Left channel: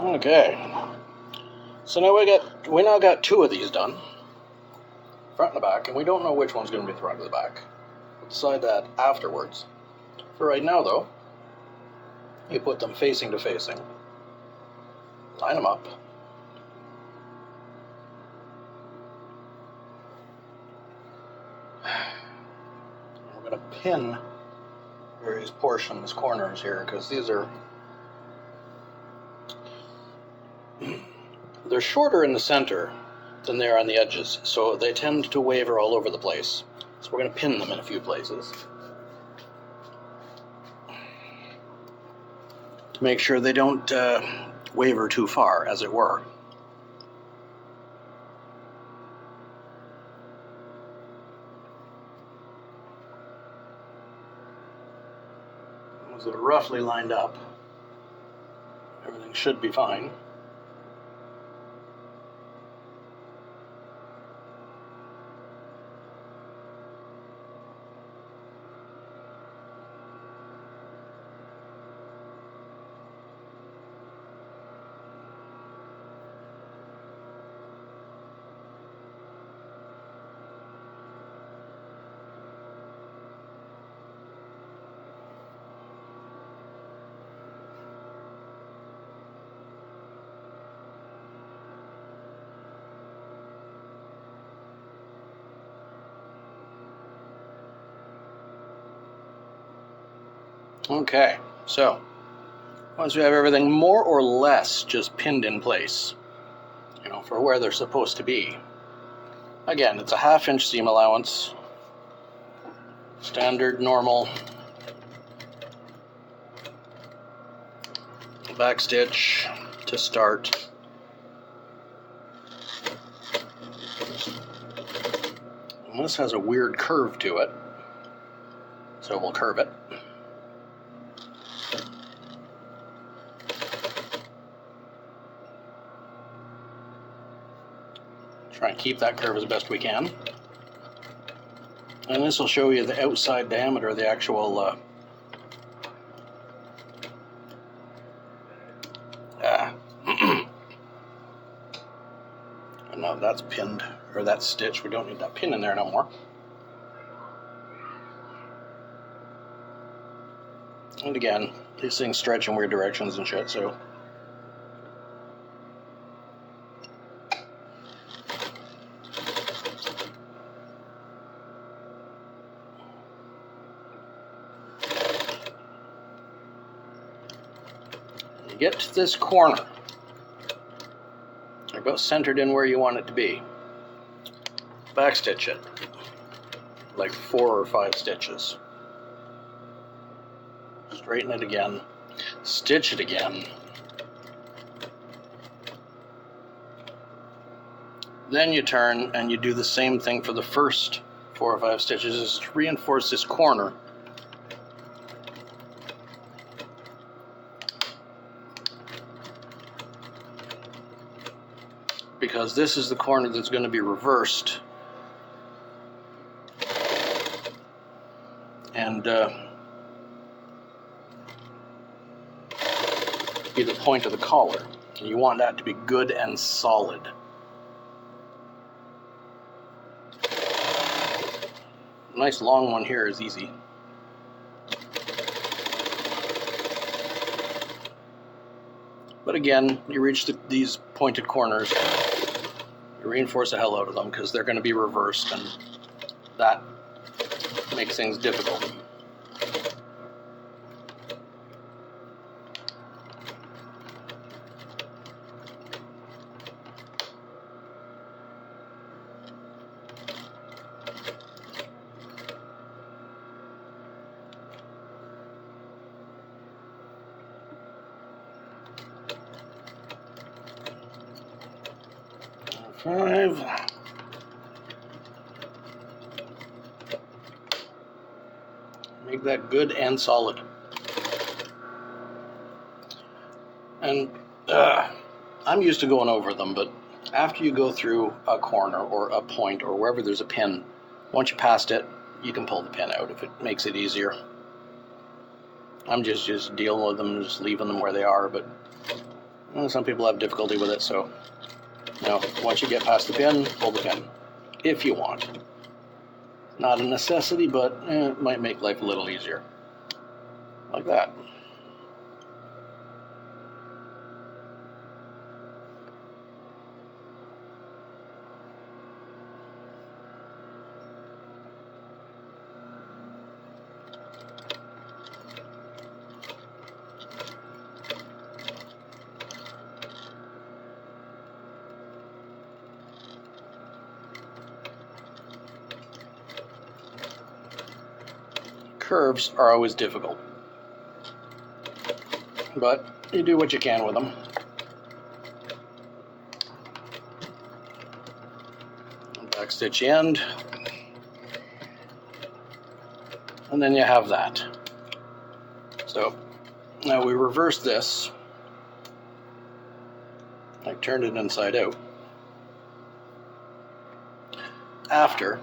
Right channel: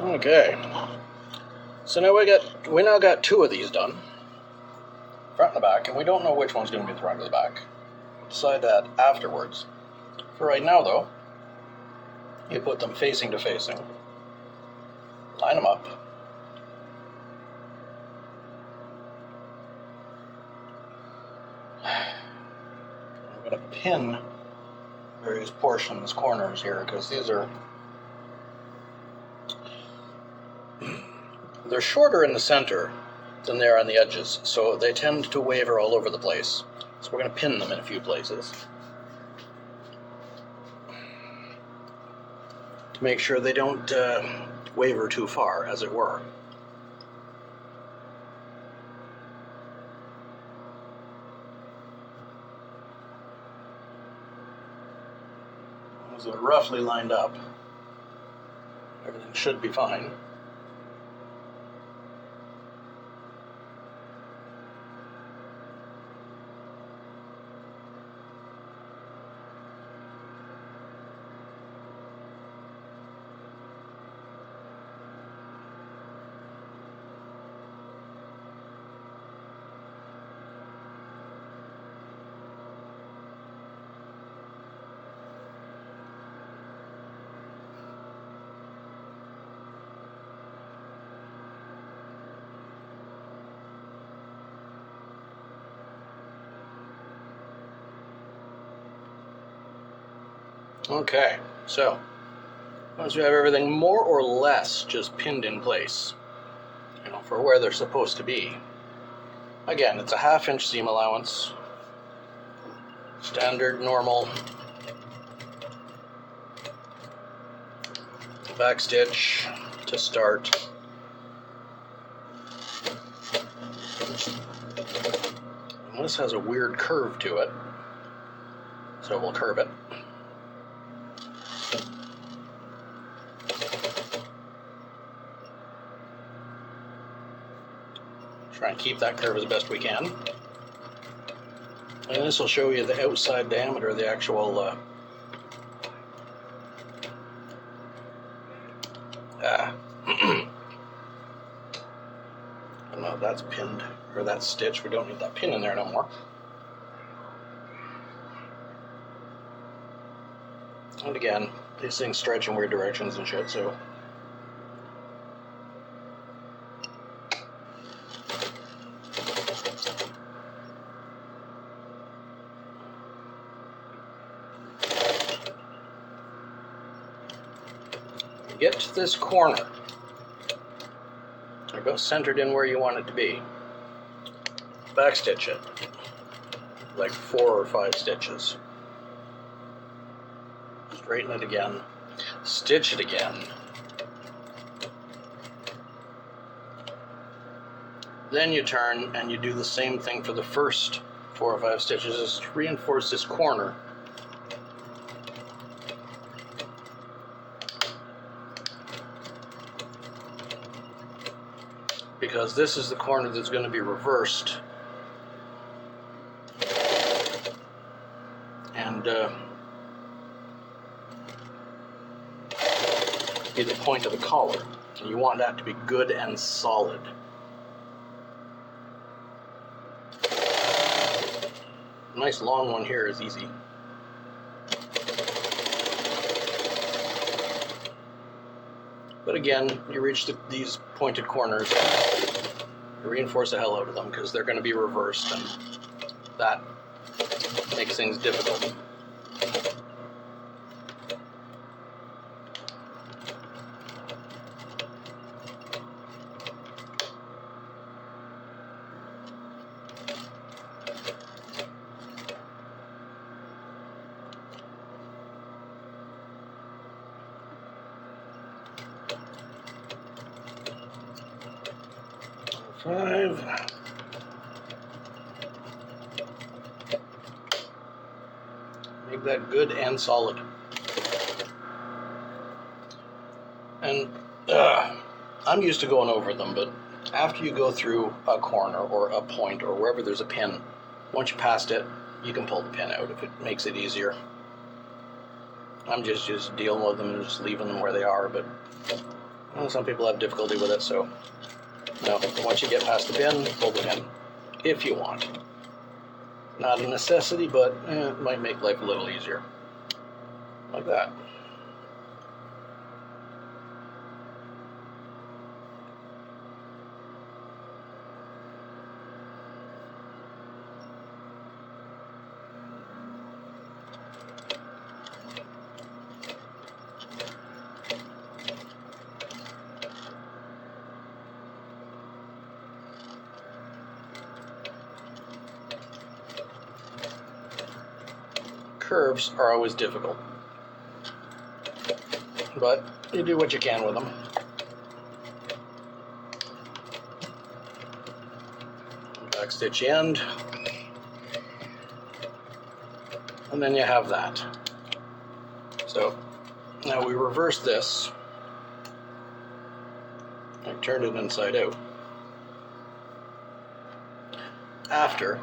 Okay, so now we now got two of these done, front and the back, and we don't know which one's going to be the front or the back. We'll decide that afterwards. For right now, though, you put them facing to facing, line them up, we're going to pin various portions, corners here, because they're shorter in the center than they are on the edges, so they tend to waver all over the place. So we're going to pin them in a few places to make sure they don't waver too far, as it were. As they're roughly lined up, everything should be fine. Okay, so once we have everything more or less just pinned in place, for where they're supposed to be. Again, it's a 1/2 inch seam allowance, standard, normal, back stitch to start. And this has a weird curve to it, so we'll curve it. Try and keep that curve as best we can. And this will show you the outside diameter of the actual no, that's pinned, or that's stitched. We don't need that pin in there no more. And again, these things stretch in weird directions and shit, so get to this corner, they're about centered in where you want it to be. Backstitch it, like 4 or 5 stitches. Straighten it again, stitch it again. Then you turn and you do the same thing for the first 4 or 5 stitches, is to reinforce this corner. Because this is the corner that's going to be reversed, and be the point of the collar. And you want that to be good and solid. A nice long one here is easy. But again, you reach these pointed corners, you reinforce the hell out of them because they're going to be reversed, and that makes things difficult. Five. Make that good and solid. And I'm used to going over them, but after you go through a corner or a point or wherever there's a pin, once you passed it, you can pull the pin out if it makes it easier. I'm just dealing with them and just leaving them where they are, but Well, some people have difficulty with it, so once you get past the bin, pull the pin if you want. Not a necessity, but it might make life a little easier. Like that. Curves are always difficult, but you do what you can with them. Back stitch end, and then you have that. So now we reverse this. I turned it inside out. After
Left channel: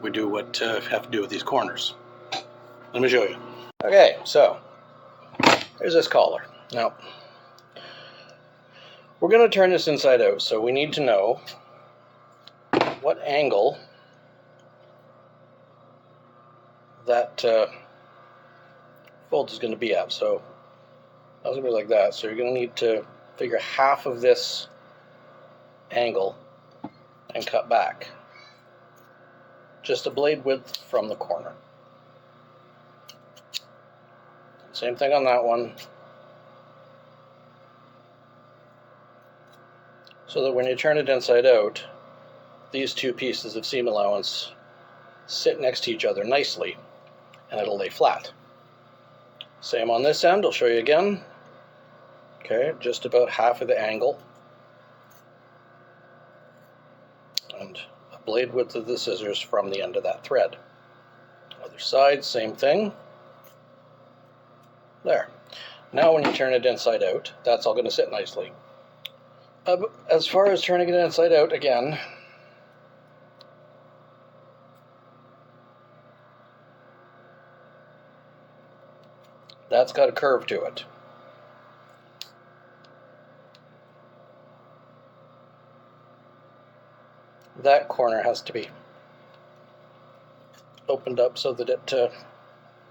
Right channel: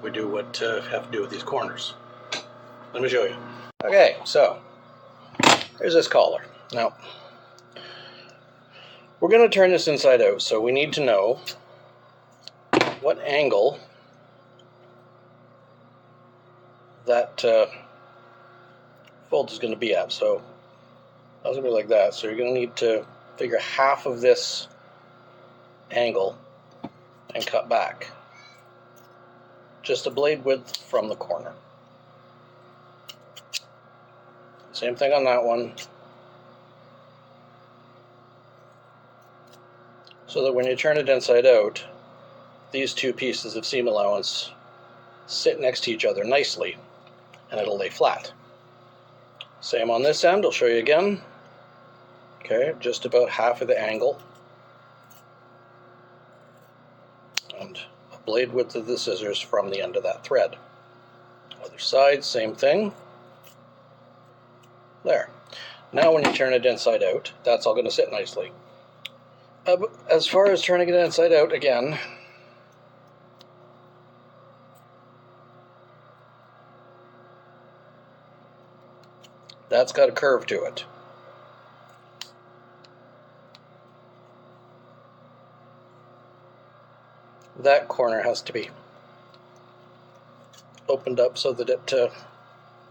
we do what have to do with these corners. Let me show you. Okay, so here's this collar. Now, we're going to turn this inside out, so we need to know what angle that fold is going to be at. So that's going to be like that. So you're going to need to figure half of this angle and cut back. Just a blade width from the corner. Same thing on that one. So that when you turn it inside out, these two pieces of seam allowance sit next to each other nicely, and it'll lay flat. Same on this end, I'll show you again. Okay, just about half of the angle. And a blade width of the scissors from the end of that thread. Other side, same thing. There. Now when you turn it inside out, that's all going to sit nicely. As far as turning it inside out, again, that's got a curve to it. That corner has to be opened up so that it,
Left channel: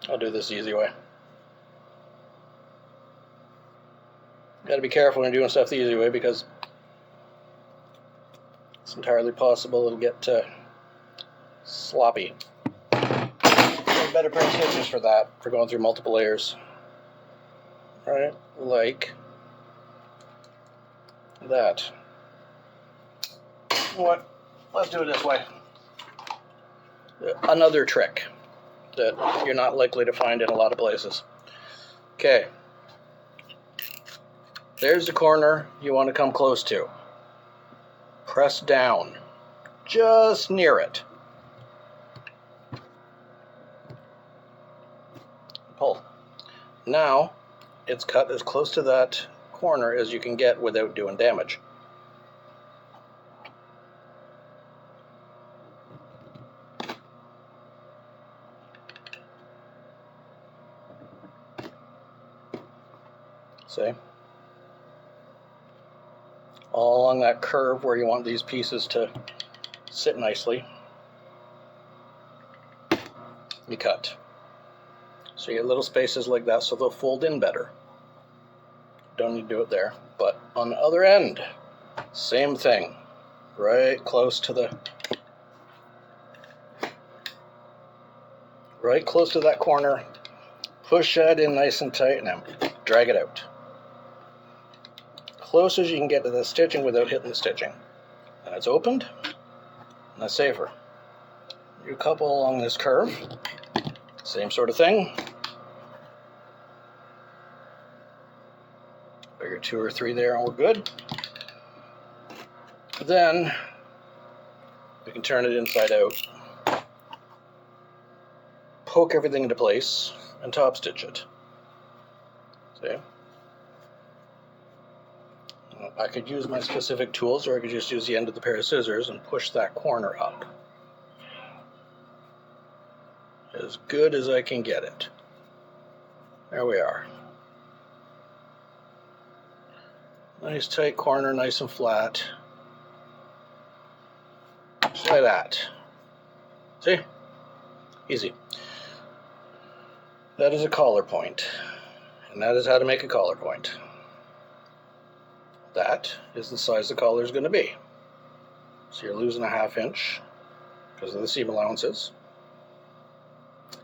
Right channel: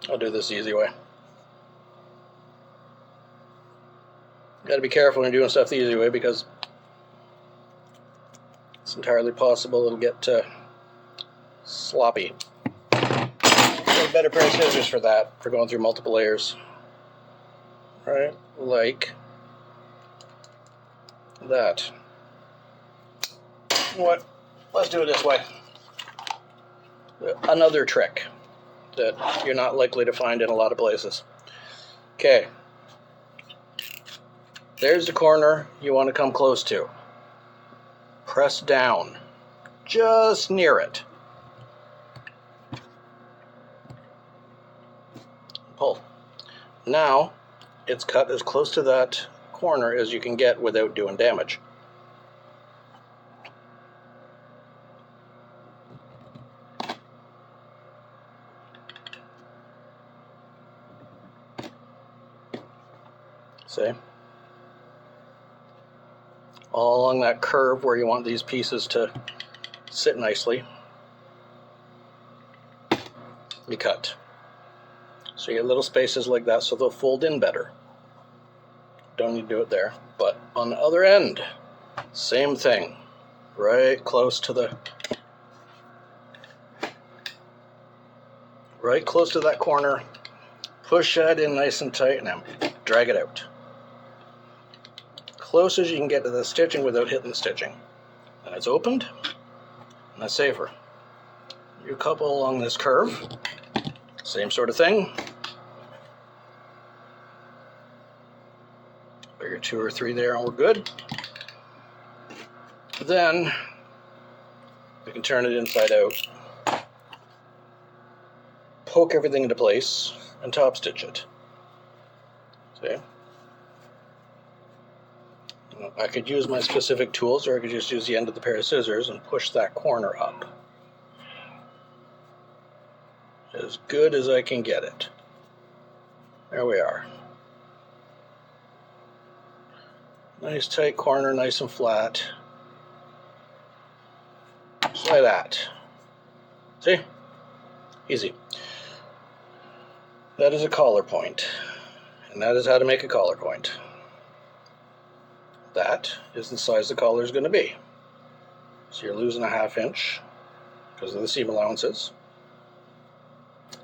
I'll do this the easy way. Got to be careful when you're doing stuff the easy way, because it's entirely possible it'll get sloppy. Get a better pair of scissors for that, for going through multiple layers. Right, like that. You know what? Let's do it this way. Another trick that you're not likely to find in a lot of places. Okay. There's the corner you want to come close to. Press down, just near it. Pull. Now, it's cut as close to that corner as you can get without doing damage. See? All along that curve where you want these pieces to sit nicely, you cut. So you get little spaces like that so they'll fold in better. Don't need to do it there. But on the other end, same thing. Right close to that corner. Push that in nice and tight and then drag it out. Close as you can get to the stitching without hitting the stitching. And it's opened, and that's safer. You couple along this curve, same sort of thing. Figure 2 or 3 there and we're good. Then we can turn it inside out, poke everything into place, and top stitch it. See? I could use my specific tools, or I could just use the end of the pair of scissors and push that corner up. As good as I can get it. There we are. Nice tight corner, nice and flat. Just like that. See? Easy. That is a collar point. And that is how to make a collar point. That is the size the collar is going to be. So you're losing a 1/2 inch because of the seam allowances.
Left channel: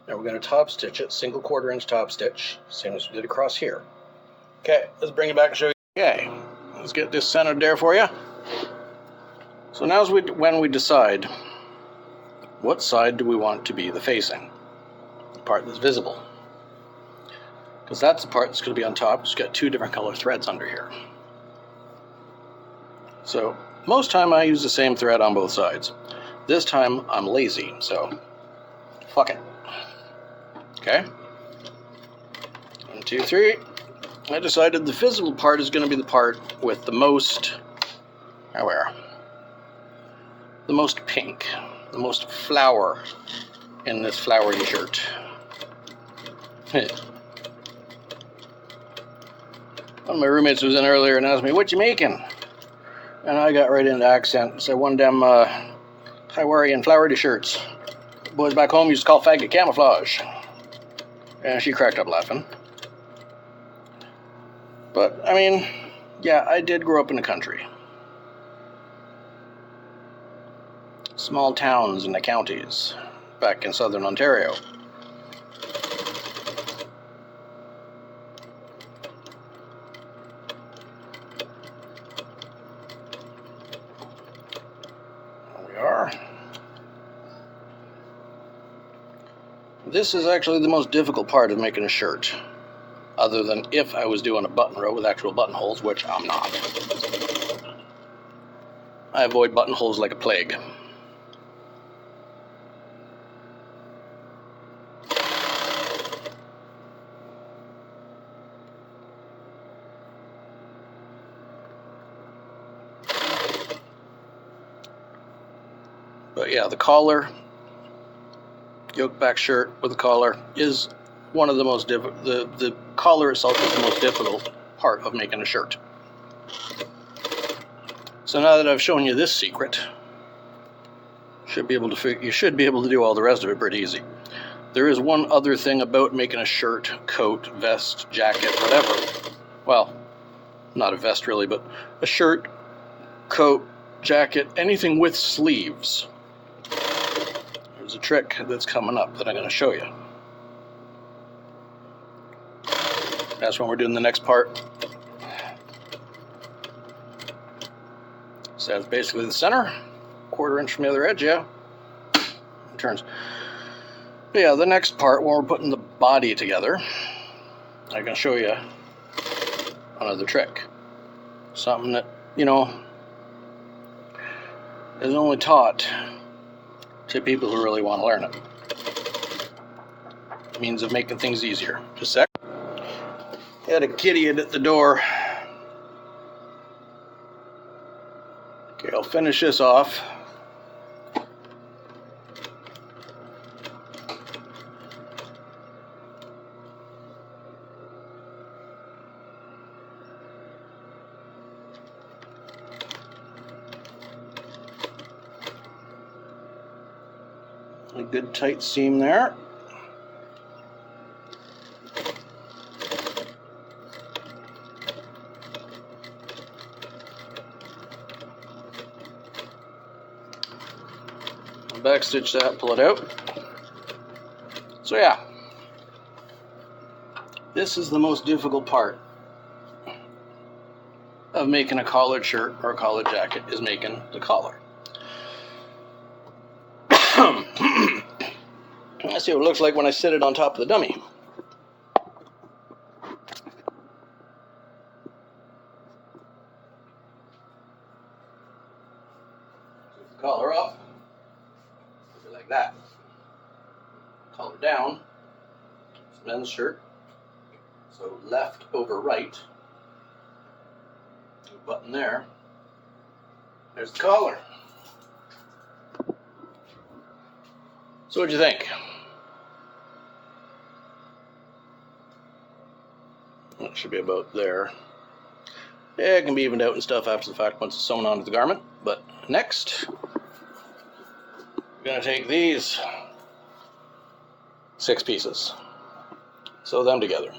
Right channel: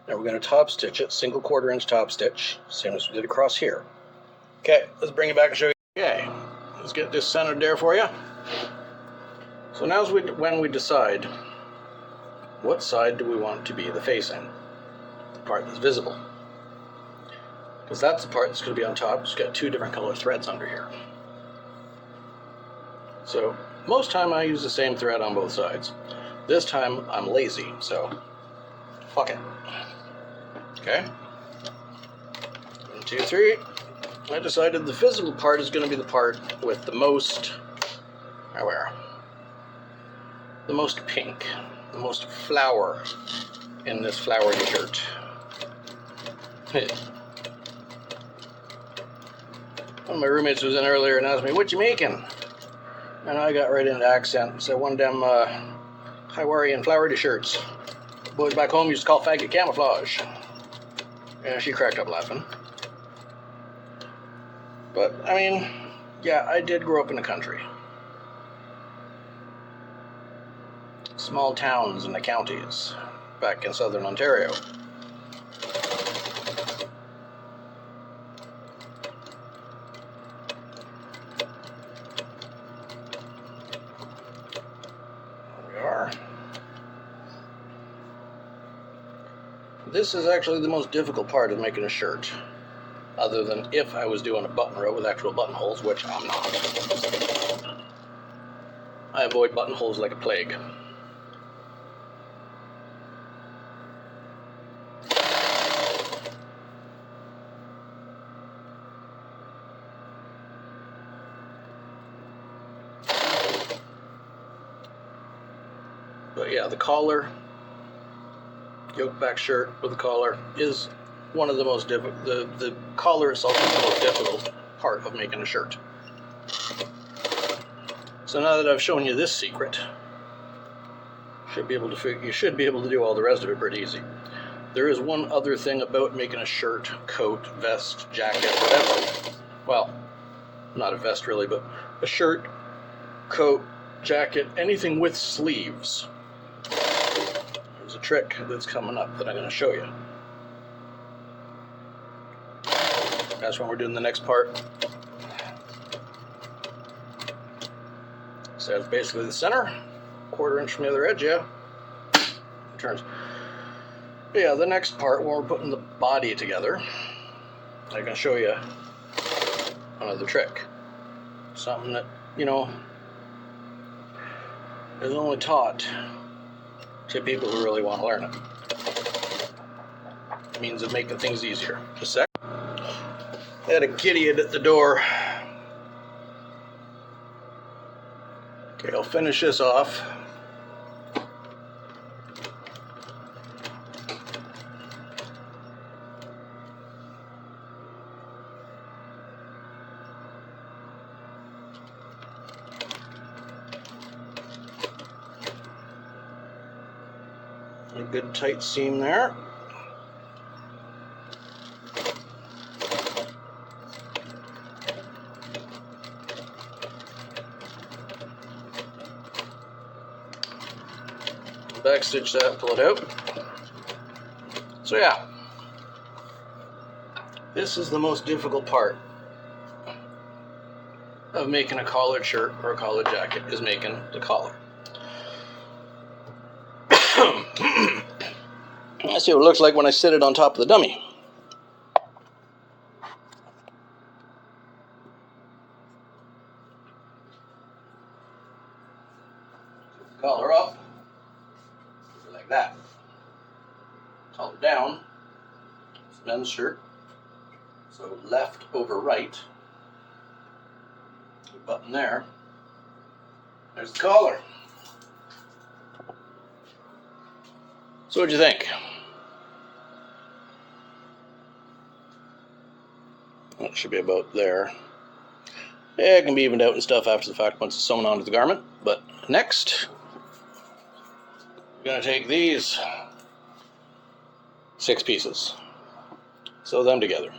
Now we're going to top stitch it, single 1/4 inch top stitch, same as we did across here. Okay, let's bring it back and show you. Okay, let's get this centered there for you. So now is when we decide what side do we want to be the facing, the part that's visible. Because that's the part that's going to be on top. It's got 2 different color threads under here. So most time I use the same thread on both sides. This time I'm lazy, so fuck it. Okay. 1, 2, 3. I decided the visible part is going to be the part with the most, the most pink, the most flower in this flowery shirt. One of my roommates was in earlier and asked me, "What you making?" And I got right into accent. So one of them Hawaiian flowery shirts. Boys back home used to call faggot camouflage. And she cracked up laughing. But, I mean, yeah, I did grow up in the country. Small towns in the counties back in southern Ontario. This is actually the most difficult part of making a shirt, other than if I was doing a button row with actual buttonholes, which I'm not. I avoid buttonholes like a plague. But yeah, the collar, yoke back shirt with a collar, is one of the most difficult. The collar itself is the most difficult part of making a shirt. So now that I've shown you this secret, you should be able to do all the rest of it pretty easy. There is one other thing about making a shirt, coat, vest, jacket, whatever. Well, not a vest really, but a shirt, coat, jacket, anything with sleeves. There's a trick that's coming up that I'm going to show you. That's when we're doing the next part. So that's basically the center, 1/4 inch from the other edge, yeah. It turns. But yeah, the next part, when we're putting the body together, I can show you another trick. Something that, you know, is only taught to people who really want to learn it. Means of making things easier. Just a sec. Had a kitty at the door. Okay, I'll finish this off. A good tight seam there. Backstitch that and pull it out. So yeah, this is the most difficult part of making a collared shirt or a collared jacket, is making the collar. Let's see what it looks like when I sit it on top of the dummy. Collar up, like that. Collar down, it's a men's shirt, so left over right. Button there. There's the collar. So what'd you think? That should be about there. It can be evened out and stuff after the fact once it's sewn onto the garment. But next, we're going to take these 6 pieces, sew them together.